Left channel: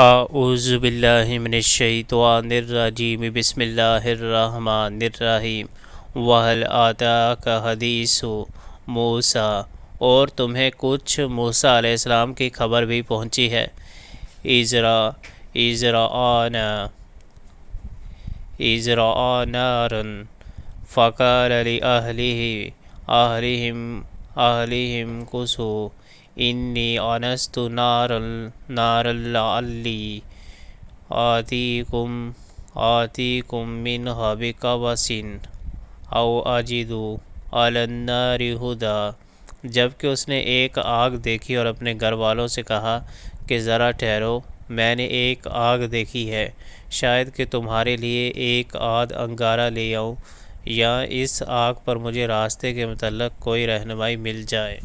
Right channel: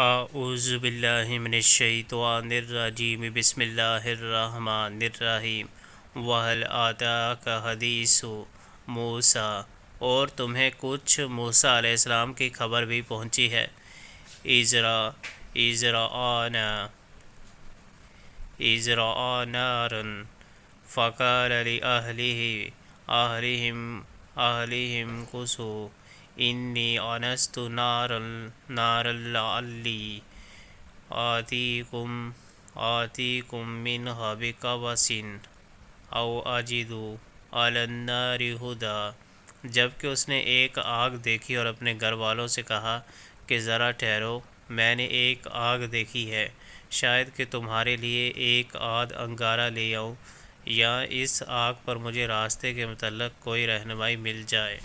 اعوذ باللہ من الشیطان الرجیم بسم اللہ الرحمن الرحیم وَهَلْ آتَاكَ حَدِيثُ موسیٰ، اور تمہیں کچھ موسیٰ علیہ السلام کی خبر بھی پہنچی ہے۔ اِذْ رَأَىٰ نَارًا فَقَالَ لِأَهْلِهِمْ كُثُوا إِنِّي آنَسْتُ نَارًا لَعَلِّي آتِيكُم مِّنْهَا بِقَبَسٍ أَوْ أَجِدُ عَلَى النَّارِ هُدًى۔ جبکہ اس نے ایک آگ دیکھی اور اپنے گھر والوں سے کہا کہ ذرا ٹھہرو، میں نے ایک آگ دیکھی ہے، شاید کہ تمہارے لیے ایک آدھ انگارہ لے آؤں یا اس آگ پر مجھے راستے کے متعلق کوئی رہنمائی مل جائے۔